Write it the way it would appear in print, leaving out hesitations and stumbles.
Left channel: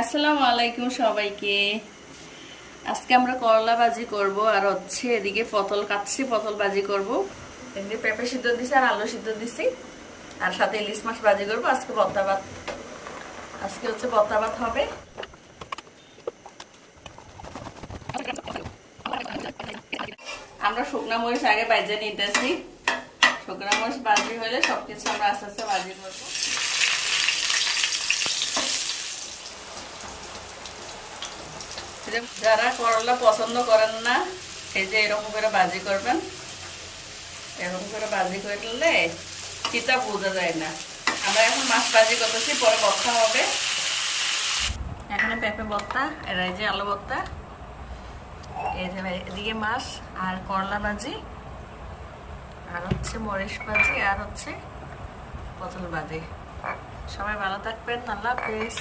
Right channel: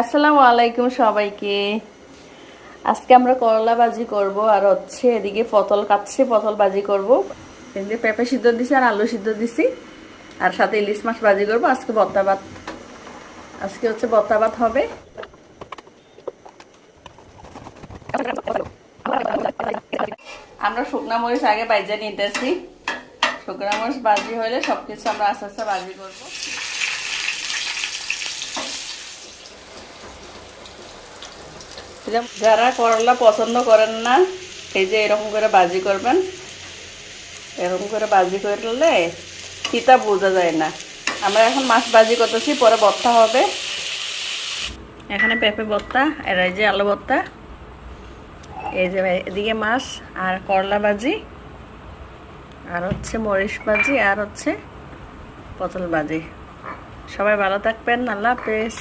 আসসালামু আলাইকুম সবাইকে। আজকে আমরা করলা ভাজি করব আর হচ্ছে এদিকে পটল কাটছি, পটল ভাজি করব। এদিকে পেঁপে সিদ্ধ দিছি আর আলু সিদ্ধ দিছি আর সাথে ইলিশ মাছ ভাজি করব। আজকে ভর্তা ভাত, আজকে হচ্ছে ভর্তা ভাত হবে। আমরা শুকনা মরিচ আগে বাইজে নিতেছি। শুকনা মরিচ ভাজি হলে সবকিছু আমরা আস্তে আস্তে ভাজি করবো। যারা করলা পছন্দ করেন না, এই যে এরকম করে ভাজি করবেন। এরকম করে ভাজি করলে তিতা বোঝা যায় না। আমরা এখন মাছ ভাজি করতেছি, পরে ভর্তা হবে। এখানে পেঁপে ভর্তা, আর এই যে আলু ভর্তা, এই যে এদিকে মাছ আর করলা ভাজি, আর হচ্ছে মরিচ ভাজি, আর হচ্ছে পটল ভাজি। সবাই ভালো থাকবেন, আল্লাহ হাফেজ।